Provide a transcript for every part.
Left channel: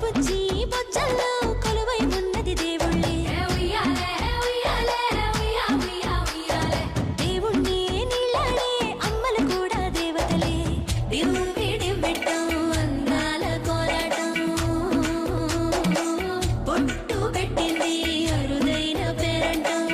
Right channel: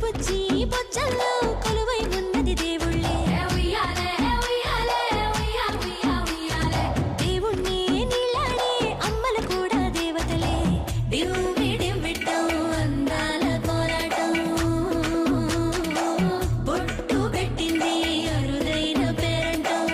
బుజ్జి బొజ్జల్లో కొలువై ఉన్నది దేవుళ్ళే దేవుణ్ణి నీళ్ళాడే అమ్మలు కూడా దేవతలే దివ్వి దివ్విట్టం అందాల కోలాటం బొట్టు పెట్టింది అరుదైన పేరంటం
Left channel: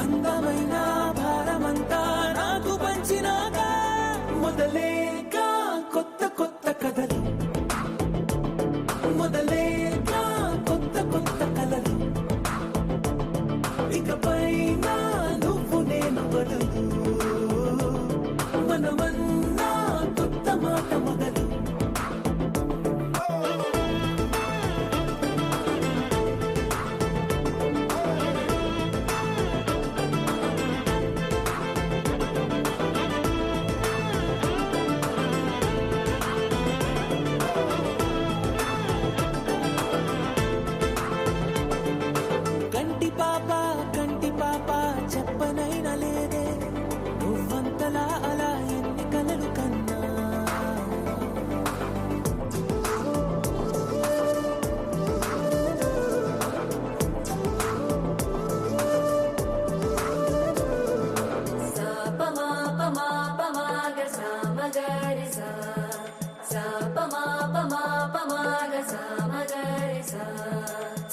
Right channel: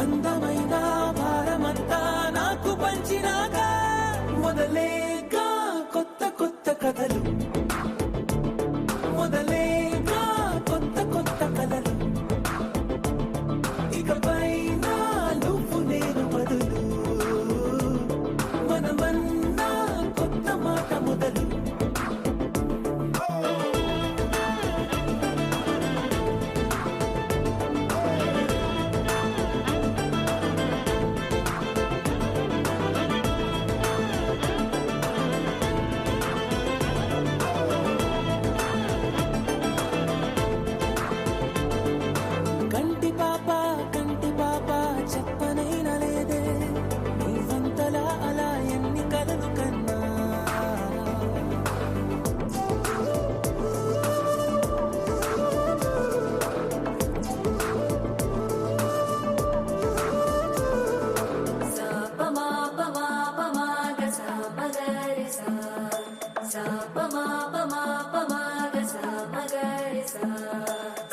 అందమైన భారమంతా నాకు పంచినాక మొదలేగా కొత్త కొత్త కథలు, మొదలేగా కొత్త కొత్త కలలు. ఇకపై నువ్వు నేను బదులు, మనమన్నా కొత్త మాట మొదలు. కంటి పాప చెప్పనైనా లేదే, నువ్వంతలా అలా ఎన్ని కలలు కన్నా.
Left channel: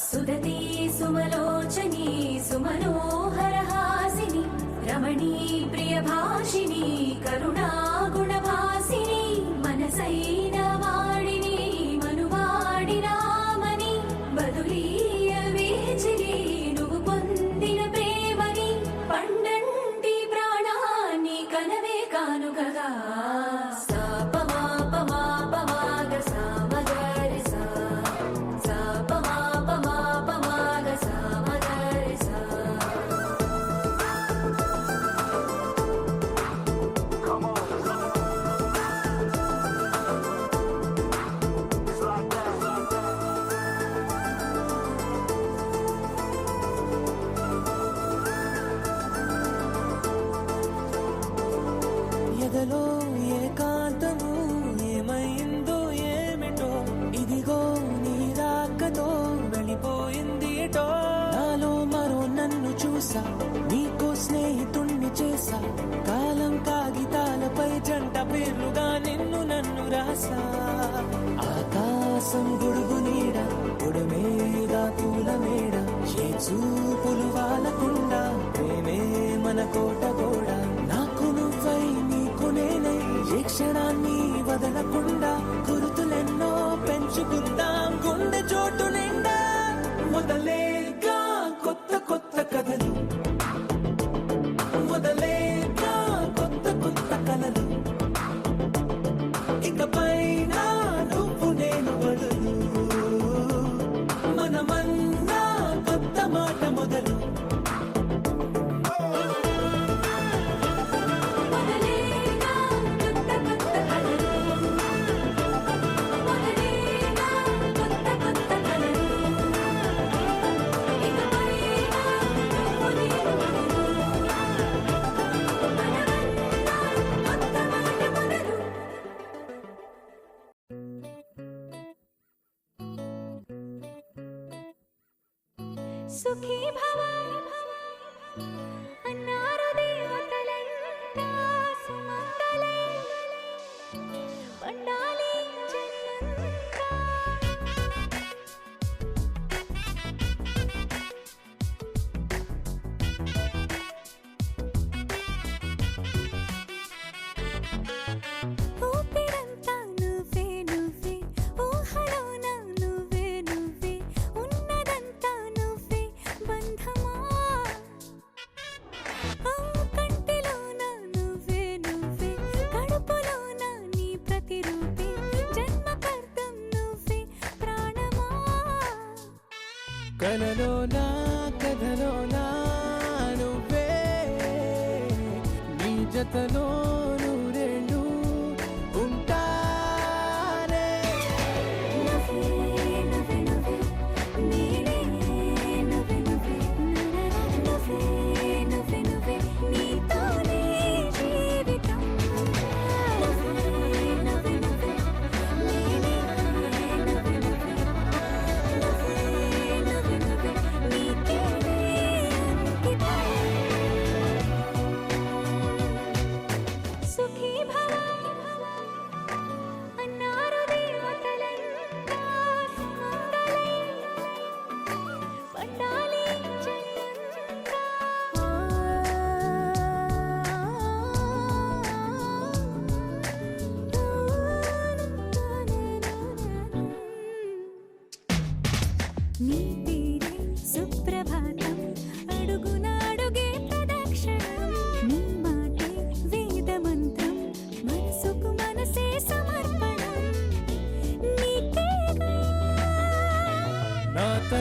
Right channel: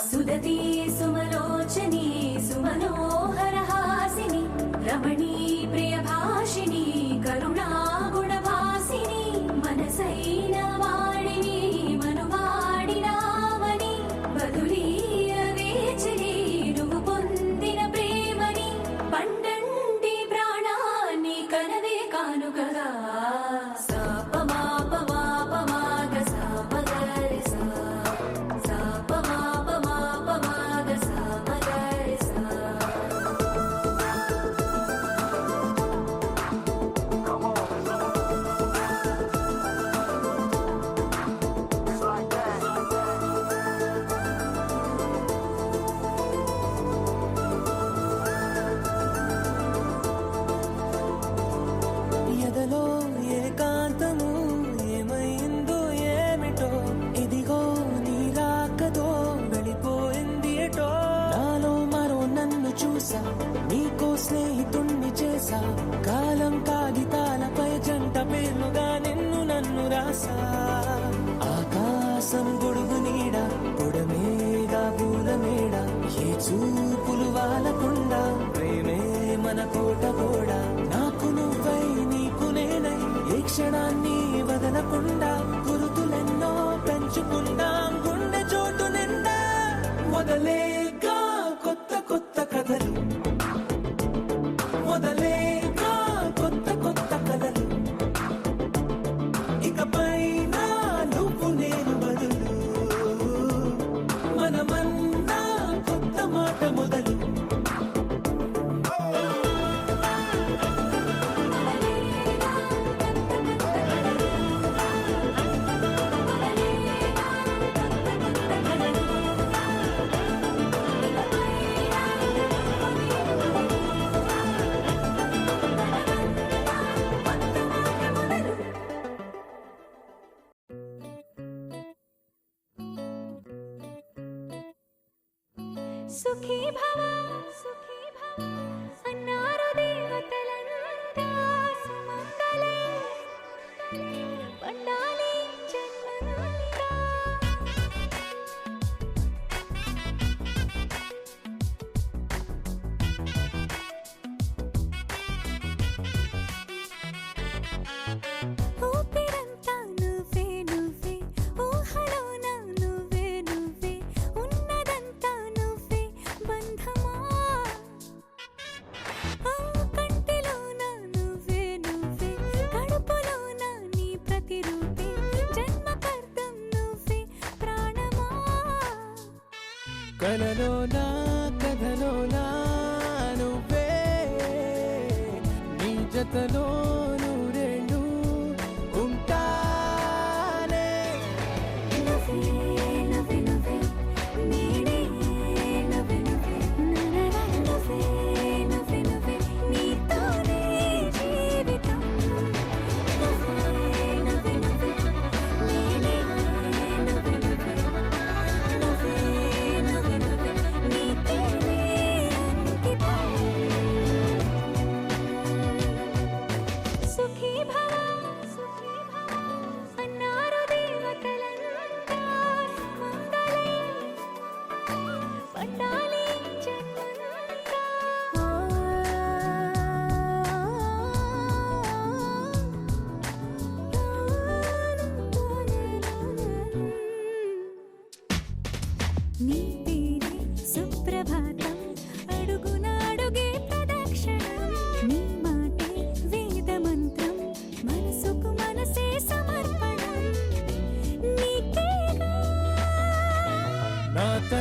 సుదతి సుమలోచని సుమనోహర హాసిని రమణీ ప్రియ భాషిని కరుణా గుణభాసిని మనసైన వాడిని మనువాడినామని బదులీయ వేచిరి నువ్వు పొందిన ప్రేమని పండంటి ప్రాణాన్ని కనవే కానుకగా. ఎదలో ఏకాంతము ఏమైందో ఏమిటో, ఇదిగో నీ రాకతో నడిపోయిందిటో. నాలో మరో నన్ను చూసా, నీకో స్నేహితుణ్ణి చేసా, కాలం కాగితాలపై జంట పేర్లుగా నిన్ను నన్ను రాసా. ఆకాశం గొడుగు నీడ, గొడమేగా పూల మేడ, ఏ చూపులు వాలకుండా ప్రేమే మన కోట గోడ. నాకు నువ్వై నీకు నేనై ఏ క్షణాన్ని వదలకుండా గుర్తులెన్నో పెంచుకుందాం గుండె చోటు నిండా. మొదలేగా కొత్త కొత్త కథలు, మొదలేగా కొత్త కొత్త కలలు. ఇకపై నువ్వు నేను బదులు, మనమన్నా కొత్త మాట మొదలు. సుఖీ భవ అన్నారు దేవతలంతా, సుమంగళై పండాలి జన్మంతా. ఊపిరంతా నువ్వే నువ్వే, ఊహలోన నువ్వే నువ్వే, ఉన్నదంతా నువ్వే బంధమా. కంటిలోన నువ్వే నువ్వే, కడుపులోన నీ ప్రతిరూపే, జన్మకర్తం నువ్వే ప్రాణమా. కలలోనా కథలోనా నువ్వే, నీ జతలో నూరేళ్ళు ఉంటానే. నువ్వే నువ్వే నువ్వే నేనే, నువ్వే నువ్వే నువ్వే నువ్వే నువ్వే నీతోనే జీవితం. నువ్వే నువ్వే నువ్వే నేనే, నువ్వే నువ్వే నువ్వే నువ్వే నువ్వే నీకేనే అంకితం. సుఖీ భవ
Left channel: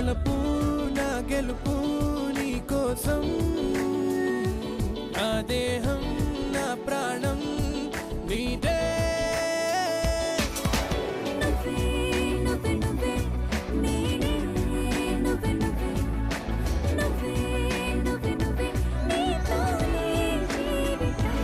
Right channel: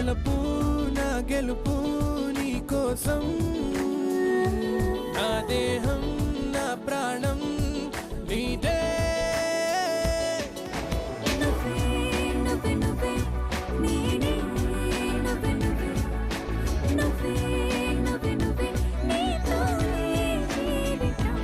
వలపు నా గెలుపు నీ కోసం నా దేహం నా ప్రాణం నీదే నువ్వే నువ్వే నువ్వే నేనే నువ్వే నువ్వే నువ్వే నువ్వే నువ్వే నీతోనే జీవితం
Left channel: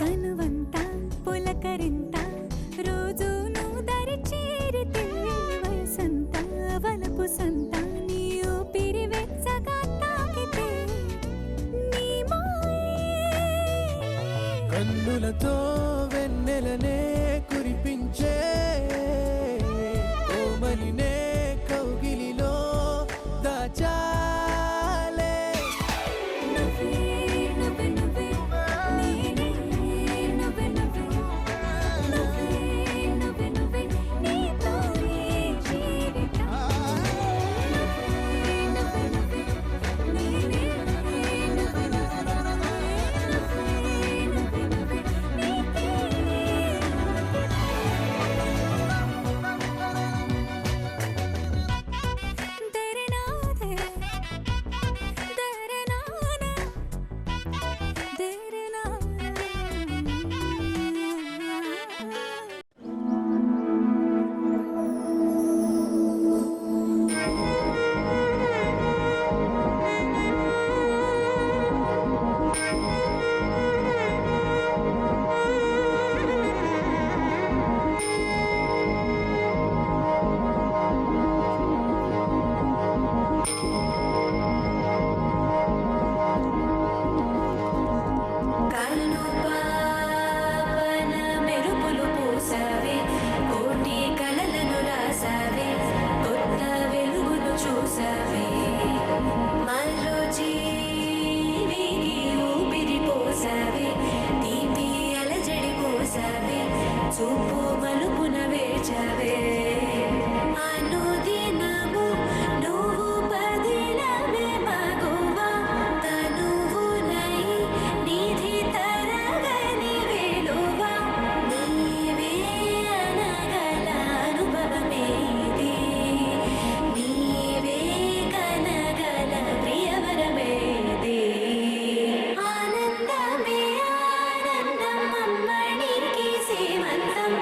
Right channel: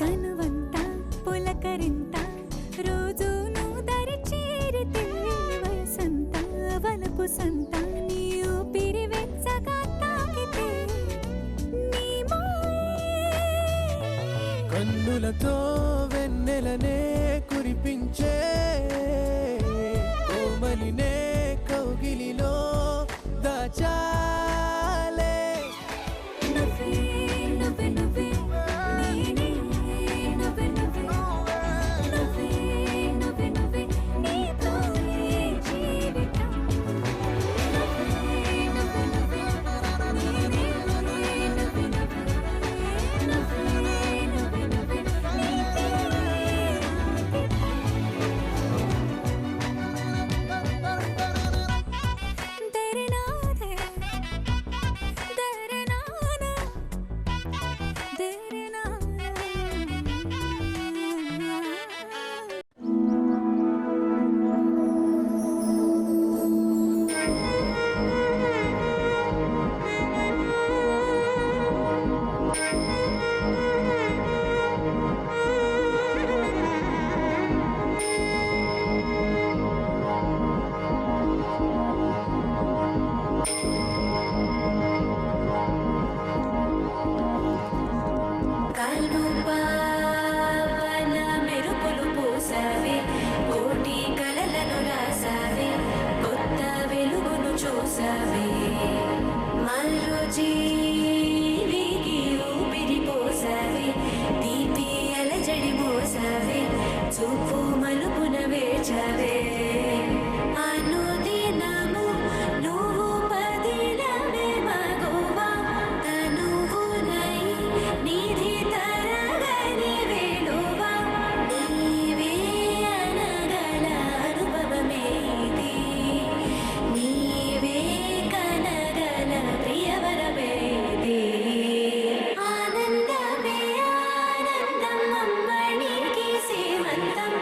తనువంతా పులకరింత రోజు నువ్వు దరి చేరితే వసంత వలపు సంత నీ ఊపిరి వెచ్చగా తాకితే నీ మాయే కన్నులతో వెన్నెలనే కురిపించే కోమలినే కౌగిలిలో దాచాలే నువ్వే నువ్వే నువ్వే నేనే నువ్వే నువ్వే నువ్వే నువ్వే నువ్వే నీతోనే జీవితం నువ్వే నువ్వే నువ్వే నేనే నువ్వే నువ్వే నువ్వే నువ్వే నువ్వే నీతోనే దరనాదే దరనానా దరనానా కను పావన మెరుపులు పూసావే కోటి కలలను రాసావే కొత్త వెలుగును చూసావే మరో జీవికి ఊపిరి పోసావే తీపి అలజడి మోసావే చూపు మలుపున వేచావే అనుదినము నువ్వు పదిలమే మగువా తనువునై నిధి తరగని వేడువా నీవే అనగల అనుభవమేది నీవే కనగల ప్రియవరమేది ఆనందమే ఆనందం అమ్మనికి సేవంతం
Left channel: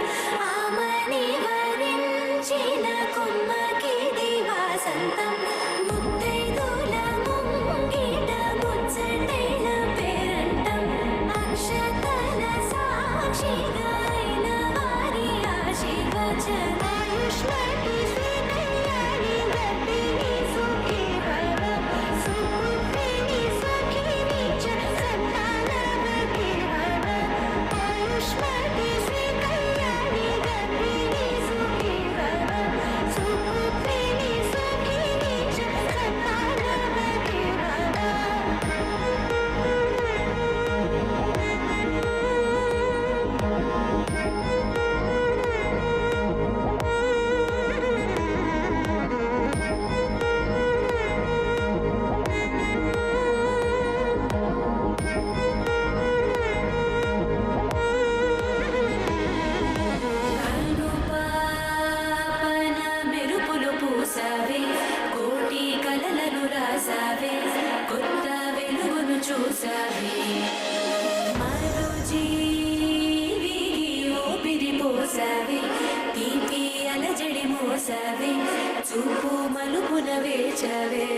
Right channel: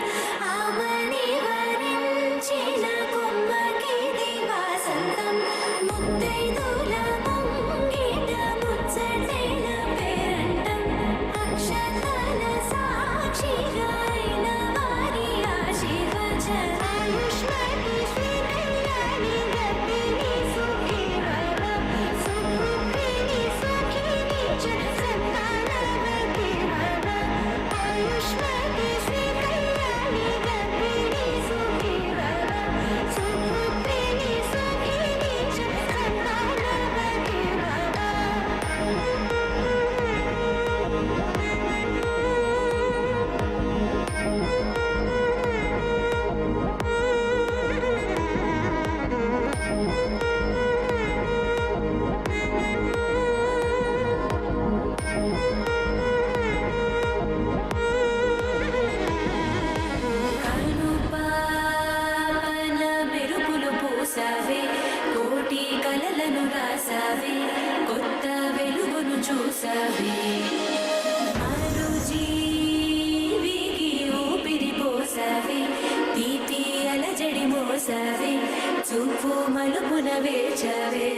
ఆమని వరించిన కొమ్మకి దివాసంతం ముత్తైదుల ముంగిట ముచ్చటైన పేరంటం అక్షతల సాక్షిగా అయిన వారి ఆశీర్వచనం ఆయుష్మతి శ్రీ కళ్యాణి గర్భిణి సుఖీ భవ సుపుత్రిణి సుఖిని చ సంతానవతి భవ ఆయుష్మతి శ్రీ కళ్యాణి గర్భిణి సుఖీ భవ సుపుత్రిణి సుఖిని చ సంతానవతి భవ కను పావన మెరుపులు పూసావే కోటి కలలను రాసావే కొత్త వెలుగును చూసావే మరో జీవికి ఊపిరి పోసావే తీపి అలజడి మోసావే చూపు మలుపున వేచవే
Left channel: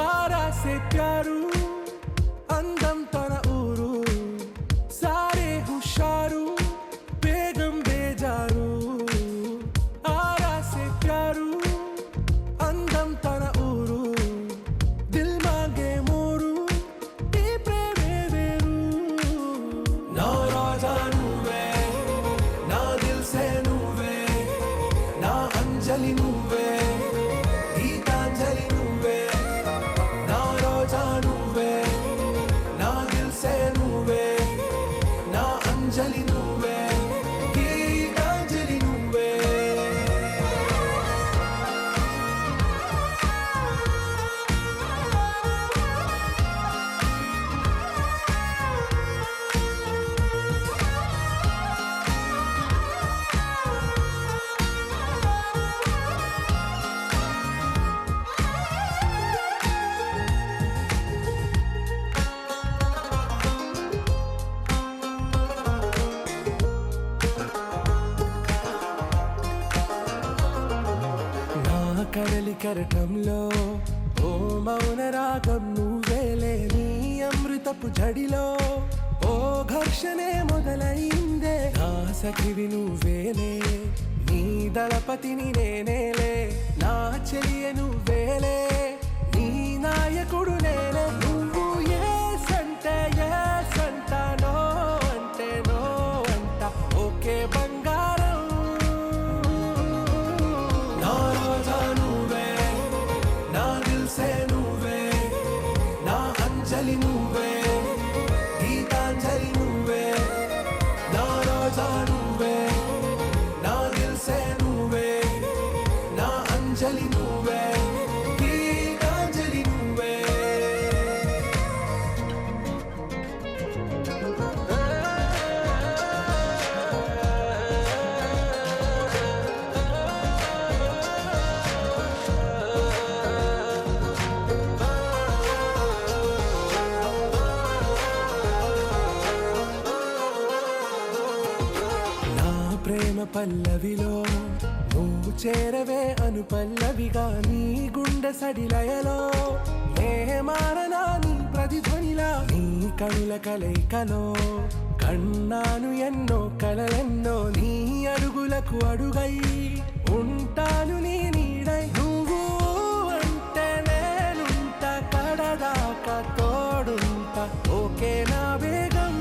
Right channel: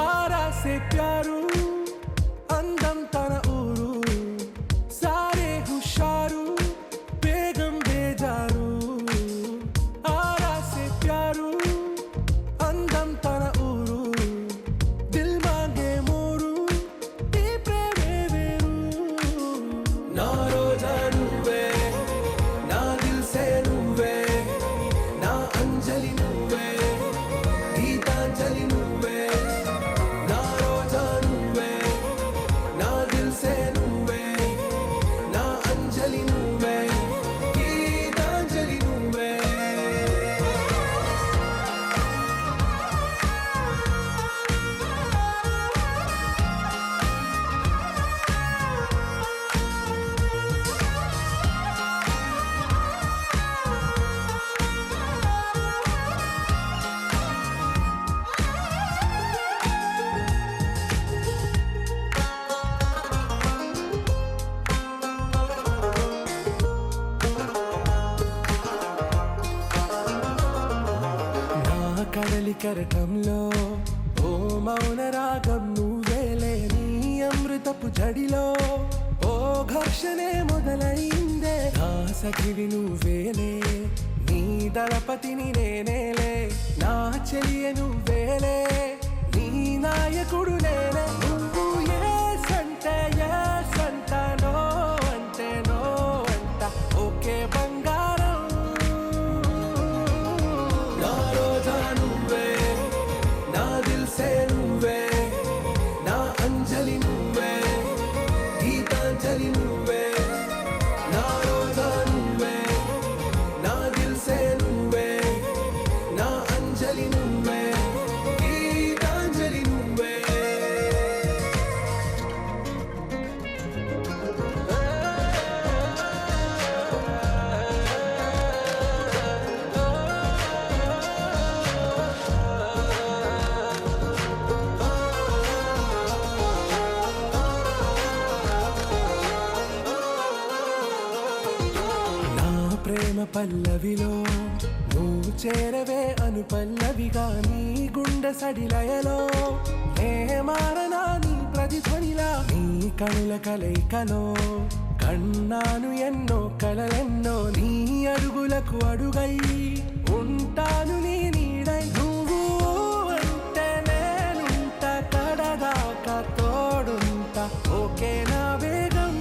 ఆరా సే ప్యారు అందం తన ఊరు సారే హుషారు బేగం బేజారు ఆరా సే ప్యారు అందం తన ఊరు దిల్ మాంగే మోరు ఈ ప్రేమే వేరు నా రోజా నువ్వే నా దిల్ సే నువ్వే నా అంజలి నువ్వే గీతాంజలి నువ్వే నా రోజా నువ్వే నా దిల్ సే నువ్వే నా అంజలి నువ్వే గీతాంజలి నువ్వే నా కడలి కరటంలో ఓ మౌన రాగం నువ్వేలే నీ అమృతపు జడిలో ఓ ఘర్షణే మొదలైందే నా సఖివి నువ్వేలే నీ దళపతిని నేనేలే నా చెలియ నువ్వేలే నీ నాయకుడు నేనే నువ్వు ఏ సంట నో అంటే నో అంట ఓకే బంగారం నా రోజా నువ్వే నా దిల్ సే నువ్వే నా అంజలి నువ్వే గీతాంజలి నువ్వే నా రోజా నువ్వే నా దిల్ సే నువ్వే నా అంజలి నువ్వే గీతాంజలి నువ్వే నా ప్రేమ పల్లవిలో నువ్వు చేరవే అను పల్లవిగా నీ గుండె సడిలయలో నే మారనా నీ ప్రతిధ్వనిలా నీ కనుల కలయికలో కన్నాను ఎన్నో కలలెన్నో నీ అడుగులకు అడుగై ఉంటాను నీ నీడై నువ్వు అంటే నేనుంట కడదాకా తోడుంటా ఓకే నా బేగం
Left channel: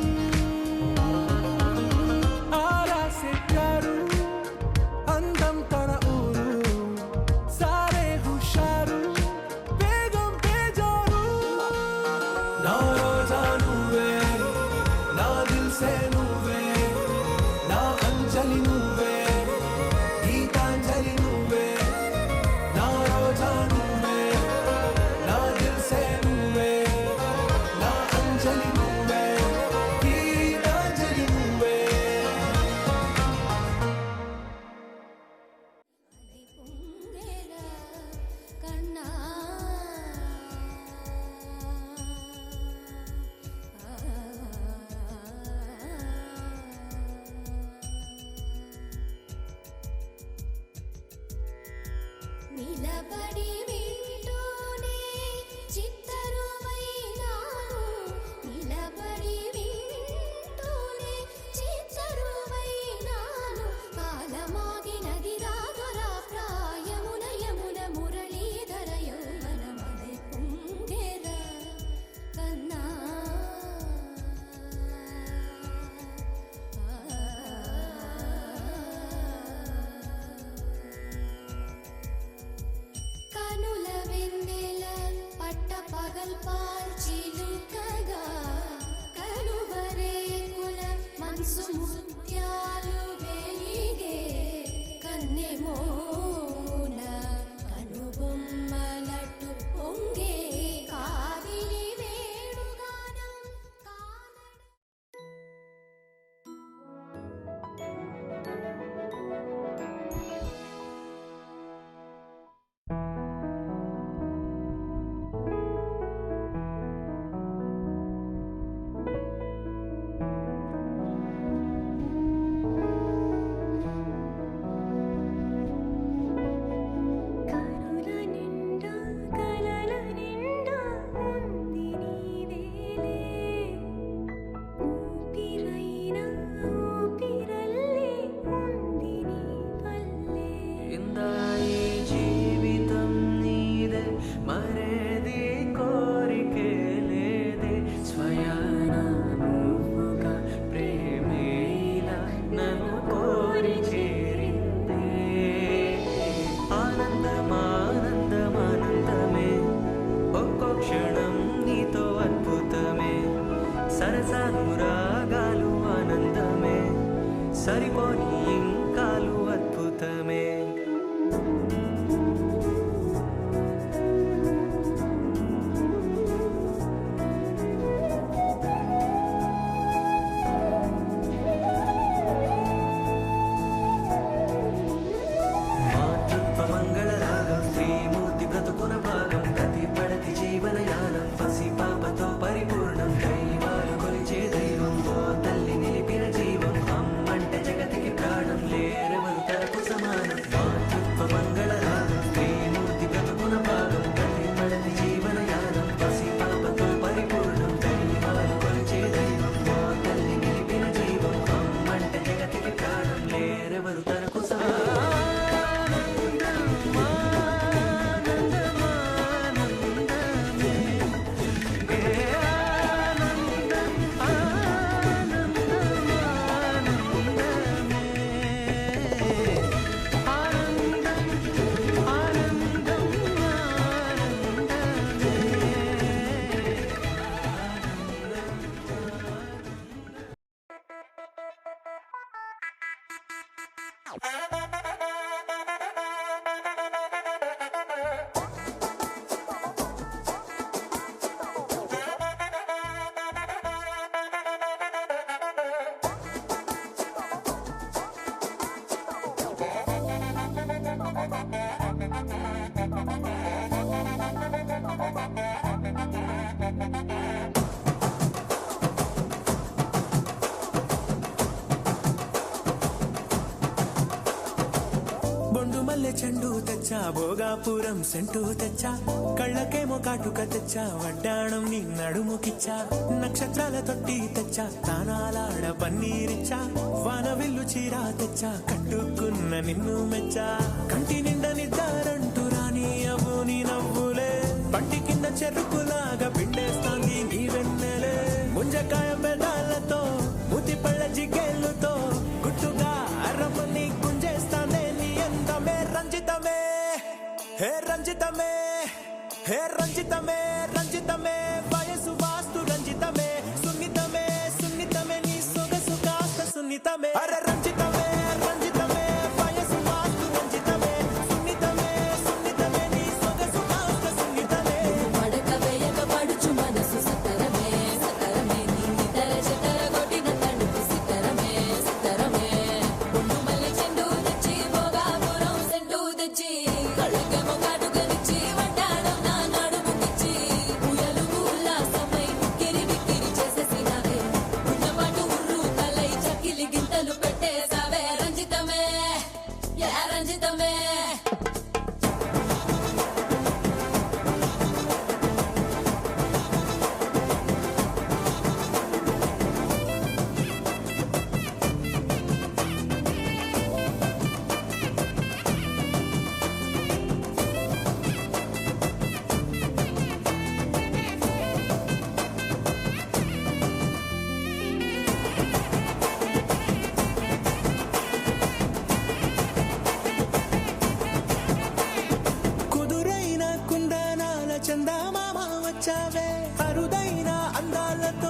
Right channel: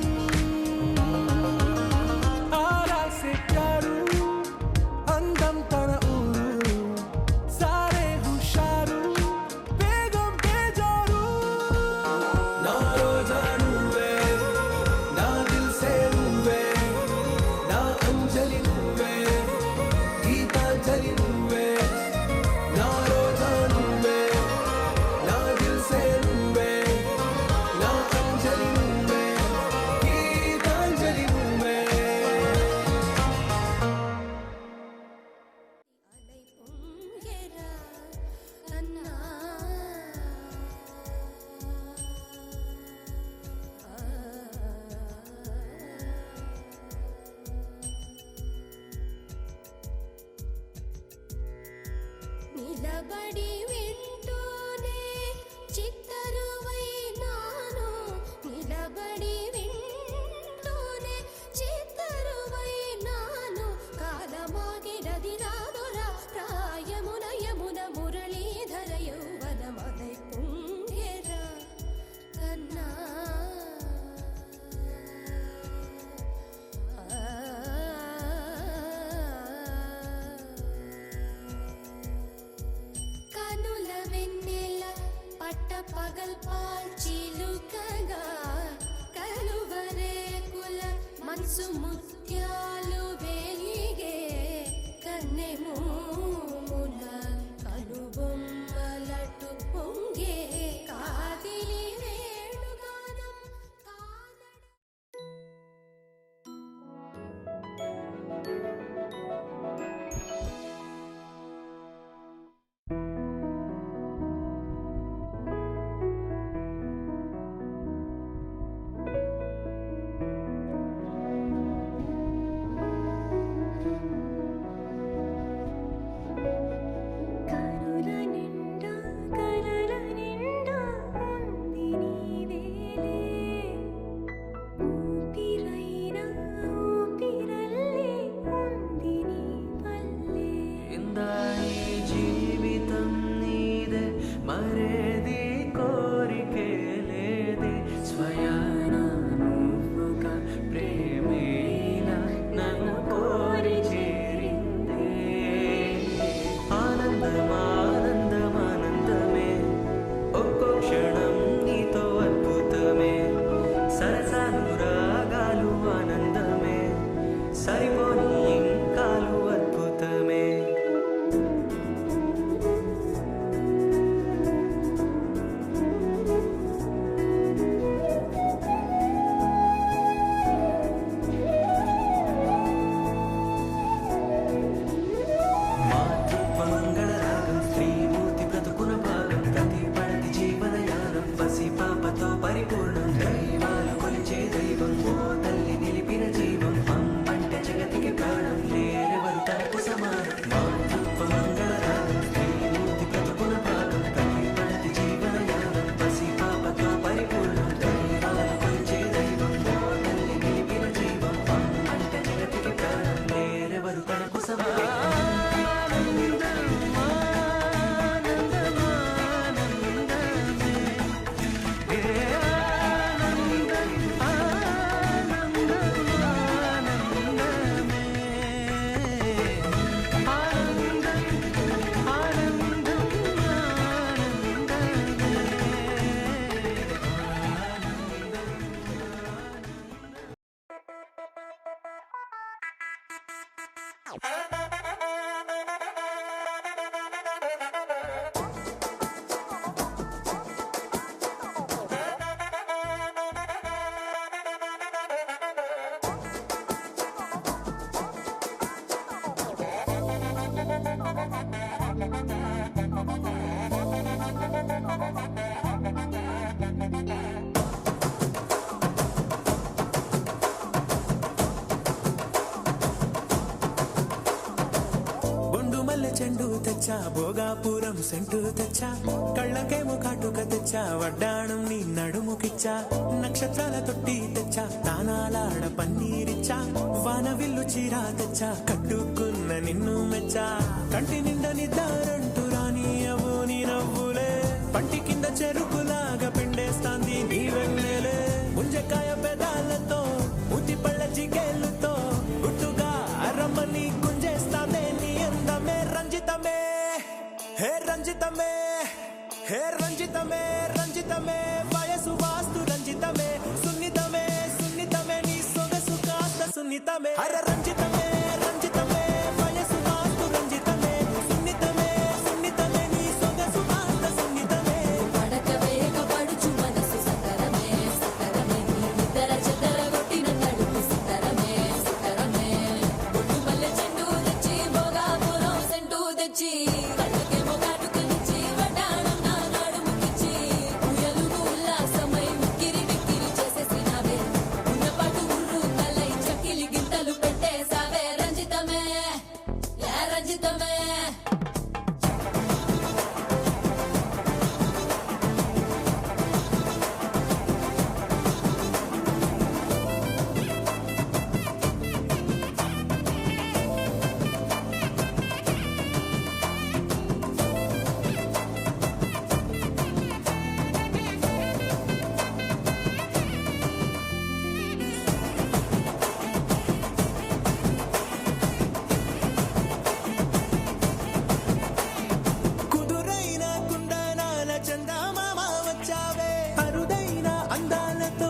ఆరా సే ప్యారు అందం తన ఊరు సారే హుషారు బేగం బేజారు నా రోజా నువ్వే నా దిల్ సే నువ్వే నా అంజలి నువ్వే గీతాంజలి నువ్వే నా రోజా నువ్వే నా దిల్ సే నువ్వే నా అంజలి నువ్వే గీతాంజలి నువ్వే அலை பொங்கேடா கண்ணா నిలబడి వింటూనే చిత్తరువైనాను నిలబడి వింటూనే చిత్తరువైనాను కాలమాగినది రాదురా ప్రాయమున యమున మురళీధర యౌవనమలై పొంగేరా కన్నా కన్నా మరేది కోరికే లేదే స్వయాన నువ్వుగా ప్రేమే ఇలా నన్ను కోరి చేరిందే ఆనందమానందమానందమే ఒక్కో క్షణం నీతో అద్భుతమే సరసానురాగాలు ఆనందమే సరిపోని ఇంకాలు అద్భుతమే పరిపూర్ణం దైవాలు కొలిచే దైవం ఓ తల్లి నిలిపిన జీవం అమ్మంటే జగతికి ప్రాణం లేరెవరు తనకు సమానం మాతృత్వ మంగళ రాగం శ్రీమూర్తి బ్రతుకున భాగం ప్రతిపడని జీవనయానం పసి పాపతో పరిపూర్ణం దైవాలు కొలిచే దైవం ఓ తల్లి నిలిపిన జీవం అమ్మంటే జగతికి ప్రాణం లేరెవరు తనకు సమానం చెండు తెచ్చా భోగాపురం సెంటు తెచ్చా కళ్ళకేమో కాటుక తెచ్చా వడ్డాణం నీ నడుముకిచ్చా నక్షత్రాల తొట్టి తెచ్చా తానాలాడ పన్నీరిచ్చా వానవిల్లు చీరా తెచ్చా కట్టుకున్న నిన్ను మెచ్చా కంటి నిండా నిద్దారంటూ రాని అవ్వు నీ నవ్వులే పట్టి కింద చెరుకులాగా పెట్టేస్తాంది నీ వెన్నెలే ముంజకాయ పెదాలతో ముద్ది పళ్ళ చికెళ్ళుతో గుట్టుగా అరమని గుంజేస్తానే నీ అందమే రంజితమే హే రంజితమే హే రంజితమే రంజితమే వయసు వాస్తు రంజితమే సున్నితమే సున్నితమే నీ సొగసు కాస్త సున్నితమే అర రంజితమే రంజితమే వయసు వాస్తు రంజితమే సున్నితమే సున్నితమే నీ సొగసు కాస్త సున్నితమే పడకవేయక పడుచు మనసు సకరమే సకరమే నిద్ర చెదర కొట్టిన తడుపు సితరమే సితరమే బొట్టు మల్లె చెండు తెచ్చి భోగాపురం సెంటు తెచ్చి కళ్ళకేమో కాటుకనిచ్చి వడ్డాణం నా నడుముకిచ్చి ఉయ్యాలుగు ఉల్లాసమై ముక్కిరి గిక్కిరి చేసేసినావే ఉన్నపాటు ఉర్రు తలై చకిలి గింతలు పెట్టేసావే రంజితమే యా రంజితమే కుదురైన కుందనాల చందమామ వచ్చావే అరుదైన అందాలతో